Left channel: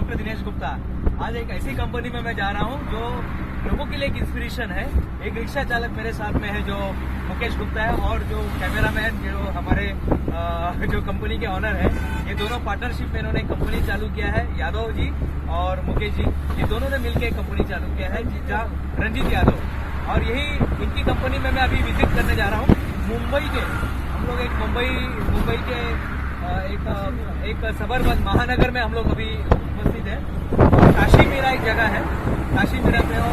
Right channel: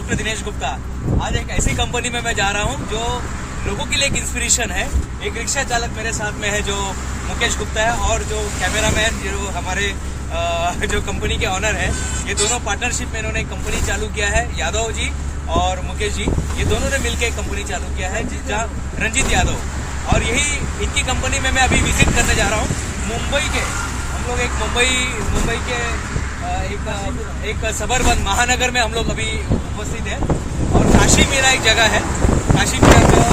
Doctor Dinesh Gupta. आज एक ऐसी कंपनी में मैं जा रहा हूँ जो लोगों के लिए एक इंस्पिरेशन है। एक रिक्शा चालक मेरे साथ में है जो मुकेश गुप्ता है, और जो कैमरामैन जो हमारे जो कंपनी के ऑनर है। ये दोनों पार्टनरशिप में इन्होंने एक कंपनी चालू किया है। यादव जी और मुकेश जी, ये दोनों ने मिलकर एक कंपनी चालू किया है, जहाँ रंजीत यादव। और यही इनकी कंपनी में मैं अभी विजिट करने जा रहा हूँ। मुंबई के हम लोग एक मुंबई के एक सबरबन महानगर में हम लोग अभी उपस्थित है। और काशी मेरा एक जगह है। काशी मेरा का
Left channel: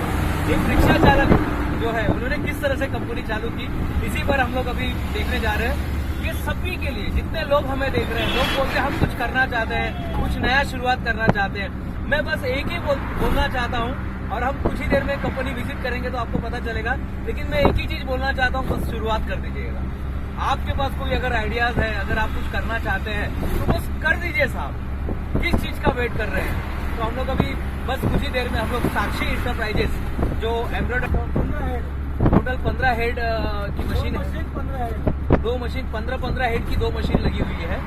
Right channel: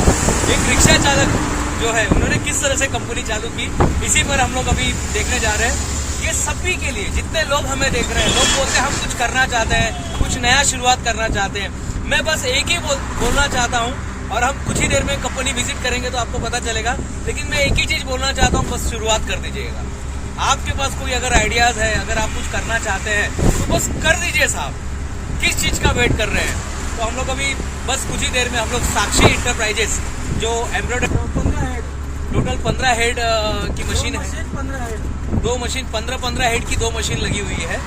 एक रिक्शा चालक जो है, उन्होंने किस तरह से कंपनी चालू की, इसी पर हम लोग अभी देखने जा रहे हैं। ये सभी के लिए, जितने लोग हमें देख रहे हैं, लोग बोलते हैं हम कुछ करना चाहते हैं, कुछ नया शुरुआत करना चाहते हैं। मैं बस एक ही बोलना चाहता हूँ, और हम कुछ ही देर में कंपनी विजिट करेंगे तो आपको पता चलेगा। लेकिन मैं एक ही चीज बोलना चाहता हूँ, बस शुरुआत कर दीजिएगा। आपके पास कोई अगर आइडियाज है, अगर आप कुछ करना चाहते हैं तो बस कर दीजिए साहब। किस चीज का वेट कर रहे हैं? तो हम लोग अभी बस कुछ ही देर में हम लोग साक्षी इंटरप्राइजेस जो एम्ब्रॉयडरी टोटल 15 हेड की मशीन है, 2 मशीन 15 हेड की 2 मशीन लगी हुई है।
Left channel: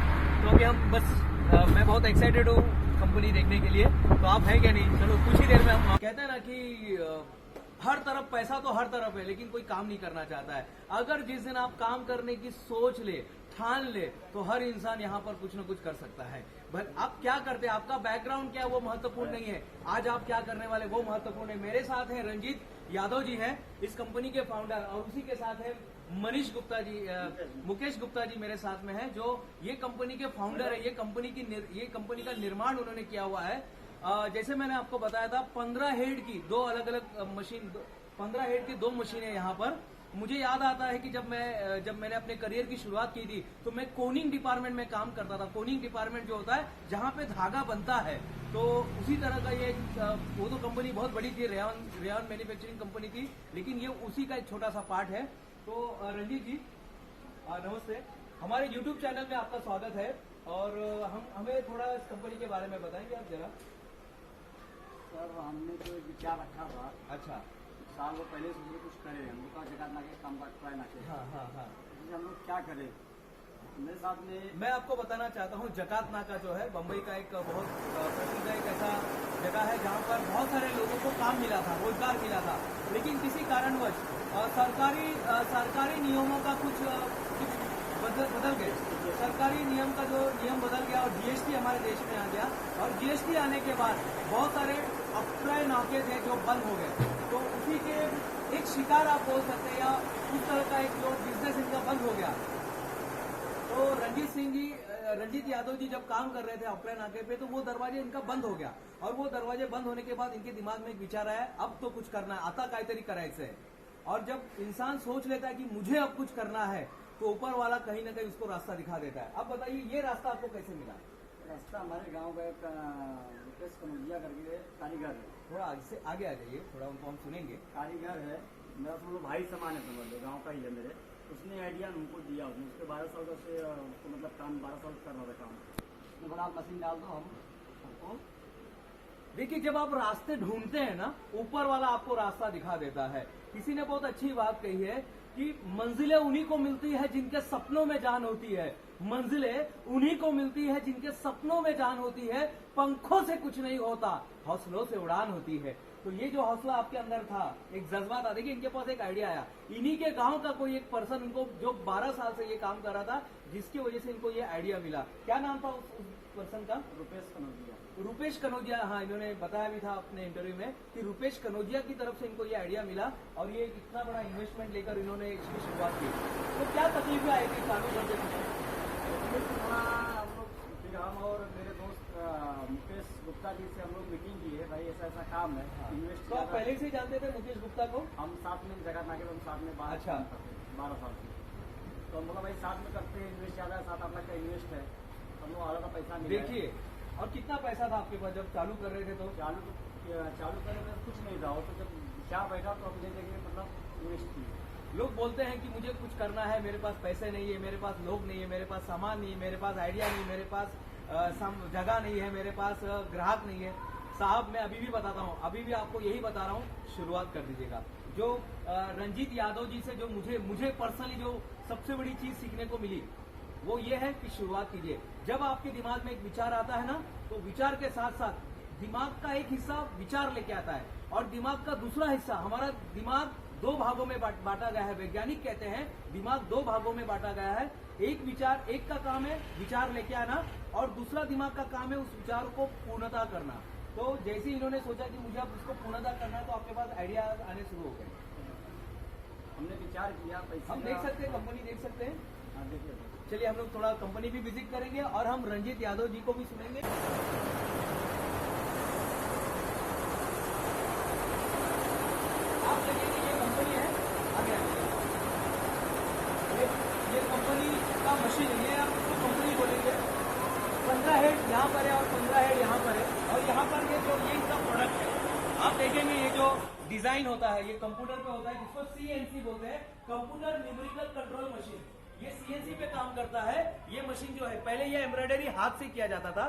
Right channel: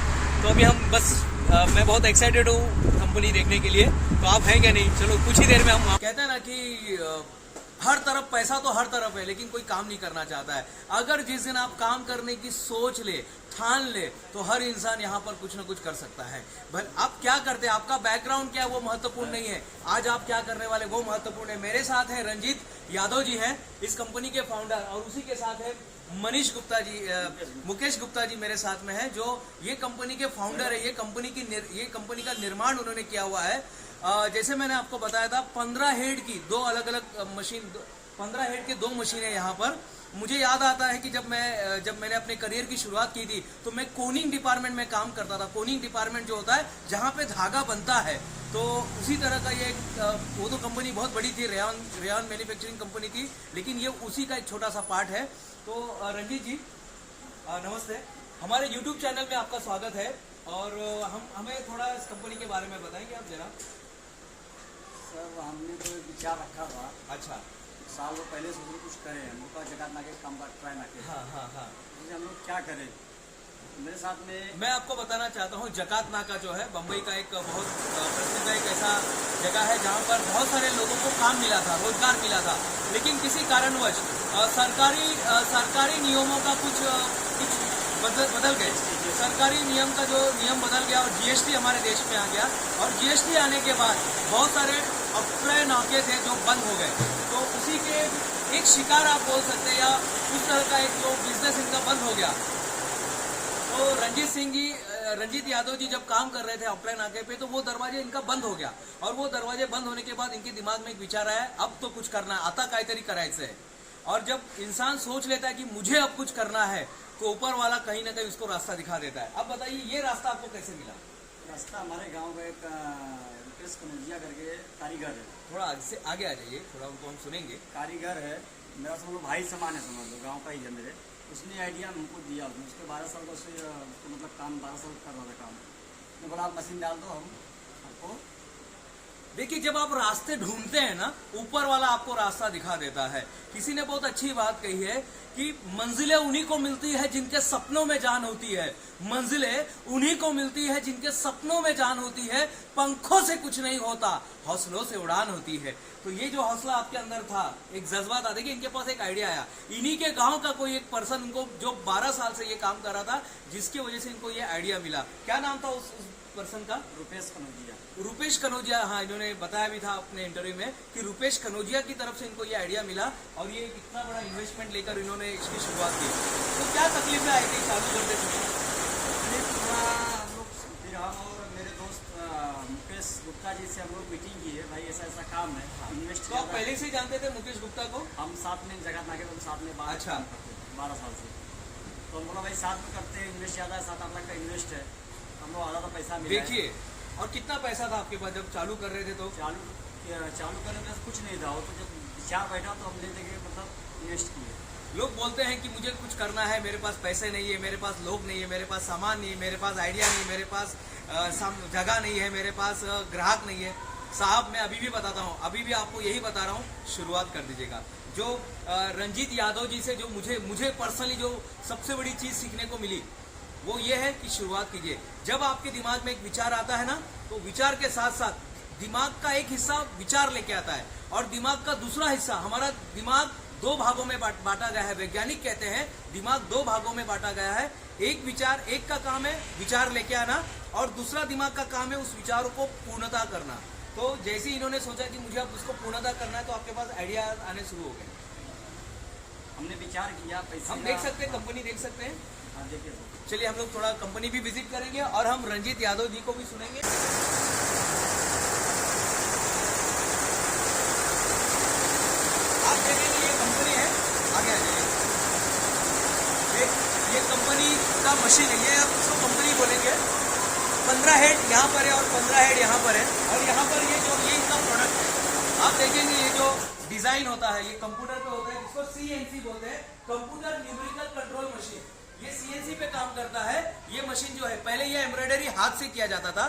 तो अभी हम बस मैं बहुत एक्साइटेड हूँ कंपनी देखने के लिए। तो आप हैं क्या? नहीं, चलो कुछ ही देर में हम कहते हैं ना कि हर तरफ पैसा तो हर तरफ है, लेकिन कोई काम नहीं करना चाहता है। अगर जिस दिन आप काम करने की सोच ले, ठान ले, तो हर इंसान यहाँ पर कुछ ना कुछ कर सकता है। भले आप क्या करते हैं, आपका बैकग्राउंड क्या है वो महत्वपूर्ण नहीं है। आज आप क्या करने वाले वो महत्वपूर्ण है। मेरे साथ है रंजीत यादव जी हैं, इस कंपनी के फाउंडर, और उसी के साथ है मनीष गुप्ता जी, मुकेश गुप्ता जी मेरे साथ में है, जो ये कंपनी के फाउंडर है। ये कंपनी का निर्माण उन्होंने किया हुआ है। जैसे मैंने आपको बताया था, 15 हेड की 2 अलग अलग मशीन, 15 हेड की 2 मशीनें यहाँ पर। मुझे याद आता है कि जब मैंने अपने करियर की शुरुआत की थी, तो मैं कोनिंग डिपार्टमेंट में काम करता था। कोनिंग डिपार्टमेंट जो होता है जहाँ पे धागा बनता है, तो उसी तरह का ये वो तो कंपनी बहुत बड़ी थी, रेयन मैन्युफैक्चरिंग कंपनी थी, लेकिन ये उसी का एक छोटा सा पार्ट है। तो रंजीत जी नमस्ते, हमारे यूट्यूब चैनल में आपका स्वागत है। और हमें थोड़ा इस कंपनी के बारे में बताएंगे आप जरा? सर, हमने तो विचार रखा था। अच्छा, साल पहले से कुछ करें, हम लोग का जगह ना के काम ट्राई ना के। हाँ। हम लोग क्या करें? मेरे साथ में मैं आपको बताना चाहता हूँ, जकात नाका जो है बम्बई का एक बहुत प्रसिद्ध एक ऐसा जगह है जहाँ पर बहुत सारे लोगों को काम मिला था, रोजगार मिला था। लेकिन किसी कारणवश सरकारी नियमों का कुछ बदल गए। सरकारी नियम का जो नियम बदल गया, और जीएसटी हमारे देश में आ गया। और जीएसटी आने के बाद बहुत सारे अप्लाई नाके थे जो बंद हो गए। तो उसी के एक शिकार आप बोल सकते हैं, या उस तरह का एक जो बिजनेस इनका बंद हो गया। तो रंजीत यादव जी जब काम कर रहे थे अप्लाई नाके पे, तो वो दरवाजे इनका बंद हो गया। और वो दरवाजे बंद होने के बाद इनके दिमाग में एक विचार आया, अब तो कुछ करना है, आता काहीतरी करायचं है। और जब इंसान सोच लेता है कि मुझे अब कुछ करना है, तो ऊपर वाला कहीं ना कहीं उसको रास्ता दिखा देता है। अब बताइए, ये रास्ता आपको कैसे मिला? रास्ता हमारे गांव का एक रुपेश कनौजिया करके कारीगर है। थोड़ा आगे आ जाइए, थोड़ा उनको हम सुनेंगे। कारीगर है, मेरा समझ लो भाई समान है, समझ लो, गाँव का ही है मेरे। उसने आइडिया हमको दिया। उसके 12 साल का उसको मतलब काम 12 साल कर रहा था काम। मैं बड़ा मशीन डाल दो हमको। देखिए, जब आप रास्ते ढूंढते हैं ना, ऊपर वाला आपको रास्ता दिखा देता है। किसी ने बहुत अच्छी बात कही है कि मंजिलें उन्हीं को मिलती है जिनके सपनों में जान होती है। मंजिलें उन्हीं को मिलती है जिनके सपनों में जान होती है। पंखों से कुछ नहीं होता, हौसलों से उड़ान होती है। तो ये जो हौसला आपके अंदर था, एक जज्बा था। देखिए, इनके पास एक आइडिया आया। इन्हीं के गांव का कोई एक पर्सन उनको, जो 12 साल से ये काम कर रहा था, जिसकी वजह से इनको ये आइडिया मिला। क्या नाम था उस पर्सन का? रुपेश कनौजिया। रुपेश कनौजिया, हाँ, इन्होंने बताया भी था अपने इंटरव्यू में कि रुपेश कनौजिया की तरफ से इनको ये आइडिया मिला, और ये इतना बड़ा इन्वेस्टमेंट लेकर इन्होंने इसकी शुरुआत की। तो क्या तकलीफें आई थी चालू करते समय? फिर हम और मेरे दोस्त मुकेश गुप्ता जी से हम लोग मीटिंग की है, भाई ऐसा ऐसा काम है। इन्वेस्ट तो आप पहले से ही जानते थे मुकेश गुप्ता को? हम साथ में जगह नाके पर साथ में 12 साल से। तो हम बोला भाई साथ में करते हैं, इन्वेस्ट ज़्यादा है, 7-8 लाख का इन्वेस्ट है, हम लोग आधा पैसा मिला। देखिए, और कितना पैसा था आपके पास जब चालू कर रहे थे? तो चालू करने में कुछ नहीं था। तो जब विचार बैठा तो हम ले लेके मतलब इन्वेस्ट किए। लोग बोलते हैं कि मुझे कुछ करना है, मेरे पास पैसे नहीं है, मेरे पास लोग नहीं है, मेरे पास सामान नहीं है, मेरे पास आइडिया नहीं, मेरे पास जगह नहीं है, मेरे पास ग्राहक नहीं है। साहब, मैं अभी भी बताता हूँ, अभी भी आपको यही बता रहा हूँ, शुरुआत कर दीजिएगा। जो रंजीत यादव जी से जो मुझे पर्सनली जो सबसे बड़ी चीज़ सीखने को मिली, वो ये है कि शुरुआत कीजिए। जब आपके दिमाग में एक विचार आता है ना, तो विचार के साथ साथ दिमाग का एक हिस्सा विचार लेके आता है और दिमाग का दूसरा हिस्सा, हमारा दिमाग दो भागों में बांटा गया है। वैज्ञानिक कहते हैं दिमाग दो भागों में बांटा गया है। एक का काम है विचार लेके आना और दूसरा दिमाग का काम है उस विचार को पूर्णता करना। तो जैसे ही इन्होंने सोचा कि मुझे अब उसको पूर्णता करना है तो आपके पास आइडिया आने शुरू हो गए। हमने विचार किया, पैसे हम देख सकते हैं, कंपनी देख सकते हैं। हाँ, देखिए सर। चलिए हम लोग थोड़ा कंपनी भी विजिट करेंगे और हम रंजीत यादव जी को भी सुनेंगे। आप देखेंगे ये कंपनी है, आगे आ जाइए। ये कंपनी का मशीन है, ये आप इसको कंपनी बोलेंगे। 15 हेड यहाँ पर है और 15 हेड यहाँ पर है और यहाँ पर ये इनका प्रोडक्ट है। आप देखेंगे ये जो डिजाइन होता है ये कंप्यूटर पे होता है, जिसको CNC बोलते हैं, कंप्यूटर न्यूमेरिकल कंट्रोल मशीन। ये CNC पे काम करता है। ये मशीन जो है, पहले ये एम्ब्रॉयडरी हाथ से किया जाता था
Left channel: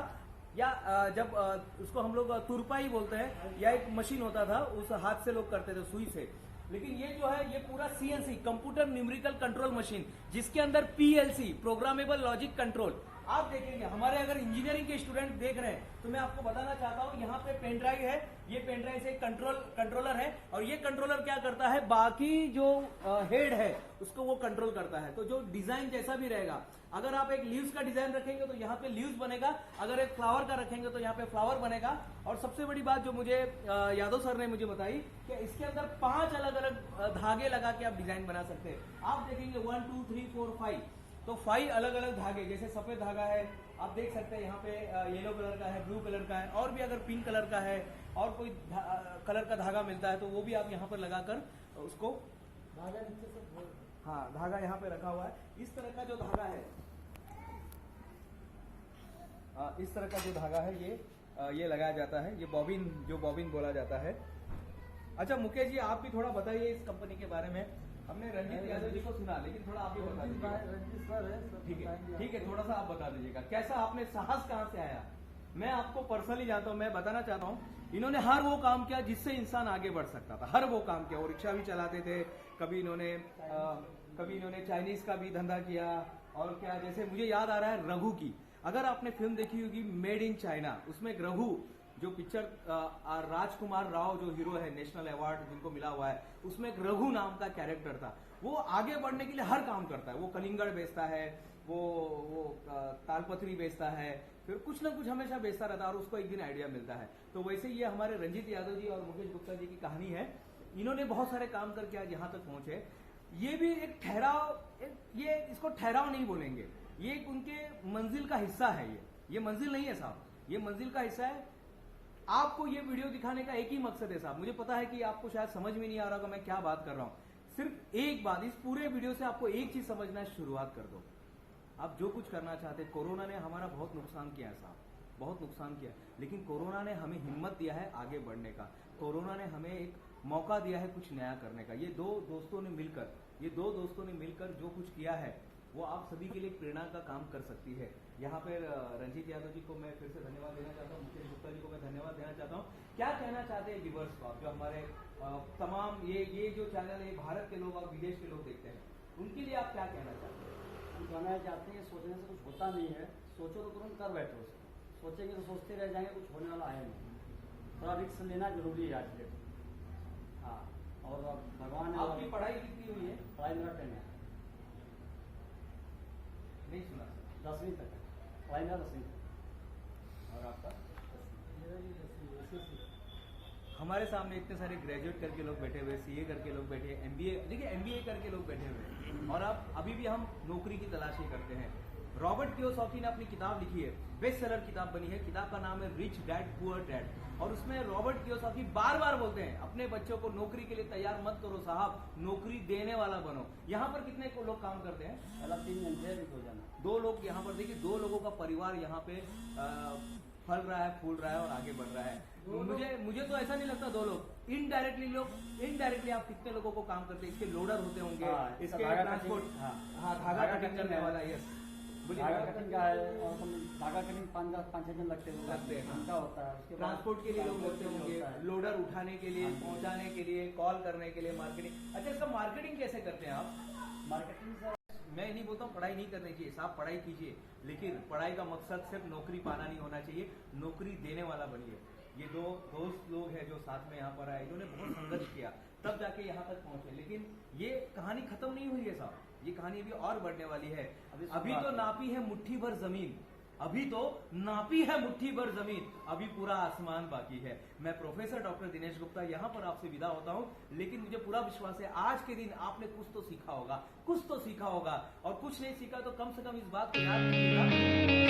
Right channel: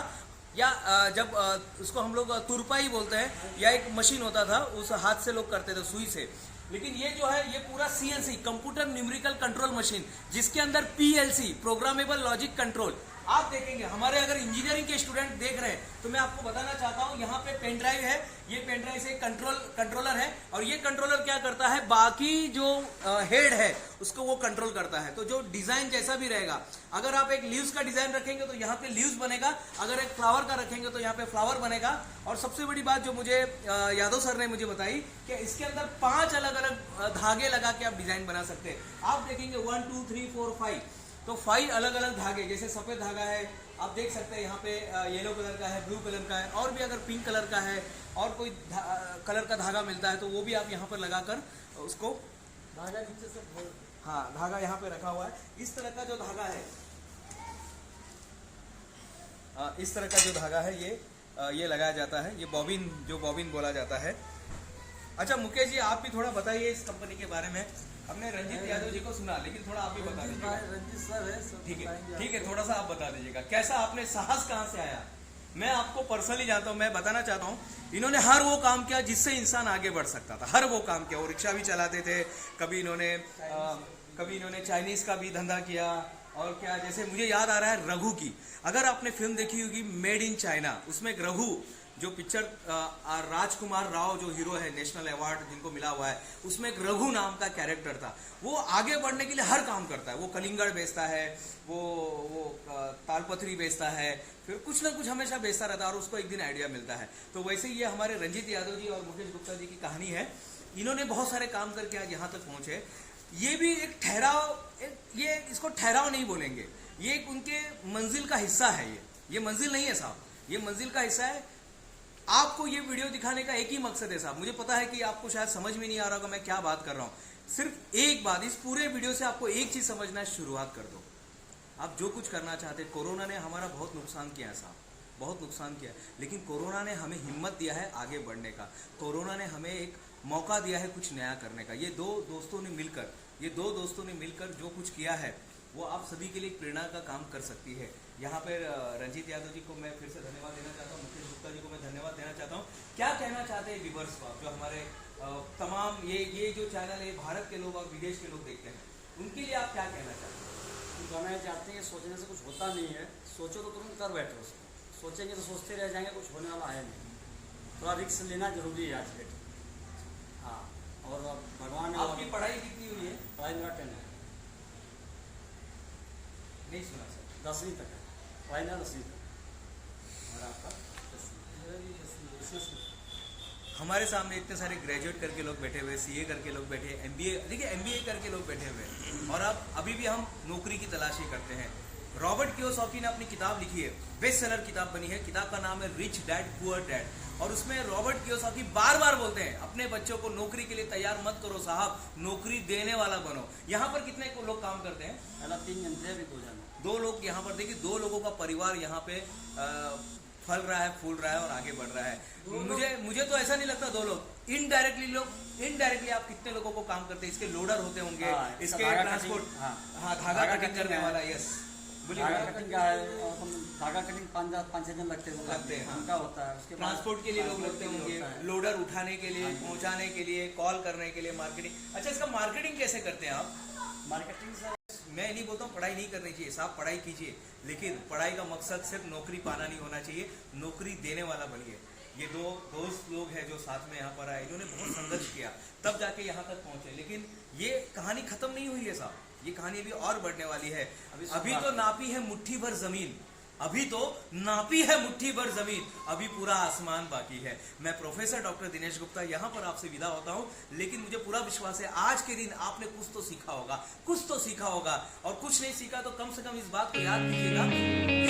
या जब उसको हम लोग तुरपाई बोलते हैं, या एक मशीन होता था उस हाथ से लोग करते थे सुई से। लेकिन ये जो है ये पूरा CNC computer numerical control machine, जिसके अंदर PLC प्रोग्रामेबल लॉजिक कंट्रोल। आप देखेंगे हमारे अगर इंजीनियरिंग के स्टूडेंट देख रहे हैं तो मैं आपको बताना चाहता हूं, यहाँ पे पेन ड्राइव है, ये पेन ड्राइव से कंट्रोलर है और ये कंट्रोलर क्या करता है, बाकी जो हेड है उसको वो कंट्रोल करता है। तो जो डिजाइन जैसा भी रहेगा, अगर आप एक लीव्स का डिजाइन रखेंगे तो यहाँ पे लीव्स बनेगा, अगर एक फ्लावर का रखेंगे तो यहाँ पे फ्लावर बनेगा। और सबसे बड़ी बात जो मुझे यादव सर ने मुझे बताई कि इसके अंदर 5 अलग अलग धागे लगा के आप डिजाइन बना सकते हैं। आप देखेंगे 1 2 3 4 5, तो 5 अलग अलग धागे, जैसे सफेद धागा है आप देख सकते हैं, यहाँ पे येलो कलर का है, ब्लू कलर का है, और भी अगर पिंक कलर का है और कोई कलर का धागा मिलता है तो वो भी आप यहाँ पर लगाकर उसको धागा नीचे से, हाँ धागा यहाँ पे रखा हुआ है। इस तरह का जो धागा है, इस तरह का जो धागा है ये लगाया जाता है, ये बॉबिन, जो बॉबिन बोला जाता है। अच्छा मुकेश जी आप भी थोड़ा बताइए इस कंपनी के बारे में। हमने रंजीत यादव जी को सुना, लेकिन थोड़ा आप भी बता दीजिएगा। रंजीत सर है, ठीक है, थोड़ा सा आप बता दीजिएगा कैसा आपने साहस कहाँ से आया। मैं आपको पर्सनली जानता हूँ, मैं बताना चाहता हूँ, इन्होंने हर वो काम किया जिससे इंसान आगे बढ़ सकता था, हर वो काम किया। वो रिक्शा भी चलाते थे, कभी इन्होंने चाइनीज का भी धंधा किया, और क्या, जैसे मुझे याद आ रहा है रघु की, अगर आपने फिल्म देखी होगी मेड इन चाइना, उसमें एक रघु जो पिक्चर राजकुमार राव जो हीरो है, नेशनल अवार्ड जिनको मिला हुआ है, उसमें एक रघु नाम का कैरेक्टर था। वो आगे बढ़ने के लिए हर काम करता है, वो कलिंगड़ बेचता है, वो तालपत्री बेचता है, फिर कुछ ना कुछ हमेशा बेचता रहता है और उसको एक दिन आइडिया मिलता है। तो वैसे ही ये हमारे रंजीत यादव जी और मुकेश गुप्ता जी की कहानी है। इन्होंने बहुत सारे काम करके आज यहाँ तक पहुंचे। ये भी एक ठहराव, ये इसको ठहराव नहीं बोलेंगे, ये एक उनके मंजिल का हिस्सा है। ये मंजिल नहीं है साहब, ये मंजिल का हिस्सा है। आपको ये वीडियो दिखाने का एक ही मकसद है साहब, मुझे पता है कि आपको शायद समझ में नहीं आ रहा होगा मैं क्या बात कर रहा हूँ। सिर्फ एक बात, इस पूरे वीडियो से आपको एक चीज समझना, शुरुआत कर दो। आप जो कुछ करना चाहते, कोरोना ने हमारा बहुत नुकसान किया है साहब, बहुत नुकसान किया है, लेकिन कोरोना ने हमें हिम्मत दिया है आगे बढ़ने का। कोरोना ने हमें एक मौका दिया है कुछ नया करने का। ये दो दोस्तों ने मिलकर जो कुछ किया है वो आप सभी के लिए प्रेरणा का काम कर सकती है। यहाँ पे रंजीत यादव जी को मैं फिर से धन्यवाद देना चाहता हूँ, मुकेश गुप्ता जी को मैं धन्यवाद देना चाहता हूँ। क्या कहना चाहते हैं व्यूअर्स को आप, जो हमारे तमाम ये जो चैनल है भारत के लोग और विदेश के लोग देखते हैं, उनके लिए आप क्या कहना चाहते हैं? हम कहना चाहते हैं कि सोचने से कुछ होता नहीं है, सोचो तो तुरंत कर बैठो उसको, सोचेंगे तो सोचते रह जाएंगे, कुछ होने वाला है नहीं। थोड़ा रिस्क लेना जरूरी है आज के डेट। हाँ, और भगवान ने, आपकी पढ़ाई कितनी हुई है? पढ़ाई मेरा 10 है, नहीं सुना सर। 10वीं तक है पढ़ाई, मेरा 10वीं तक। और आपका? हमारे सामने इतने सारे ग्रेजुएट करके लोग बैठे हुए, CA करके लोग बैठे, MBA, देखिए MBA करके लोग बैठे हुए, और अब अभी भी हम नौकरी की तलाशी करते हैं। रॉबर्ट कियोसाकी ने अपनी किताब लिखी है, बेस्ट सेलर किताब बनी है, किताब का नाम है रिच डैड पुअर डैड, और उसमें रॉबर्ट कियोसाकी बार बार बोलते हैं अपने बच्चों को नौकरी के लिए तैयार मत करो साहब, नौकरी देने वाला बनो। यहाँ पर कितने को लोग काम करते हैं? पहला 3 जन थे, अभी 2 जन। 2 लोग यहाँ पर, देखिए 2 लोगों का परिवार यहाँ पे फल रहा है, फूल रहा है और आगे बढ़ रहा है। मुझे तो ऐसा नहीं लगता 2 लोग, इनडायरेक्टली आप कितने लोगों को काम करते हैं, इसके लोडर होते होंगे, इसके ट्रांसपोर्ट, हाँ धागा कटिंग करने वाला, यस, धागा कटिंग का है, और धागा कटिंग 5-6 दिन लगते हैं, उनका होता है। उसके ट्रांसपोर्ट के लिए लोग लगते होंगे, लोडर उठाने के लिए, पहुंचाने के लिए, कॉल करने के लिए, मार्केटिंग। अच्छा, इसका मार्केटिंग कैसे करते हैं आप? मार्केटिंग सर, मैं नहीं बोलता हूँ पढ़ाई नहीं करनी चाहिए, साहब पढ़ाई कीजिए, लेकिन पढ़ाई का मकसद सिर्फ नौकरी पाना नहीं होना चाहिए, नौकरी देने वाला बनिए। ये दो दोस्त लोग हैं जो साथ में यहाँ पर आए, इन्होंने बहुत संघर्ष किया तब जाके यहाँ तक पहुंचे। लेकिन ये कहानी खत्म नहीं हुई है साहब, ये कहानी अभी और बढ़ने वाली है। अभी तो नापी है मुट्ठी भर जमीन, अभी तो नापी है मुट्ठी भर जमीन, अभी पूरा आसमान बाकी है। मैं प्रोफेसर डॉक्टर दिनेश गुप्ता यहाँ पर आपसे विदा होता हूँ, लेकिन मुझे पूरा विश्वास है आज के दिन आपने कुछ तो सीखा होगा, कुछ तो सीखा होगा, और कुछ नहीं सीखा तो कम से कम इस बात को याद कीजिएगा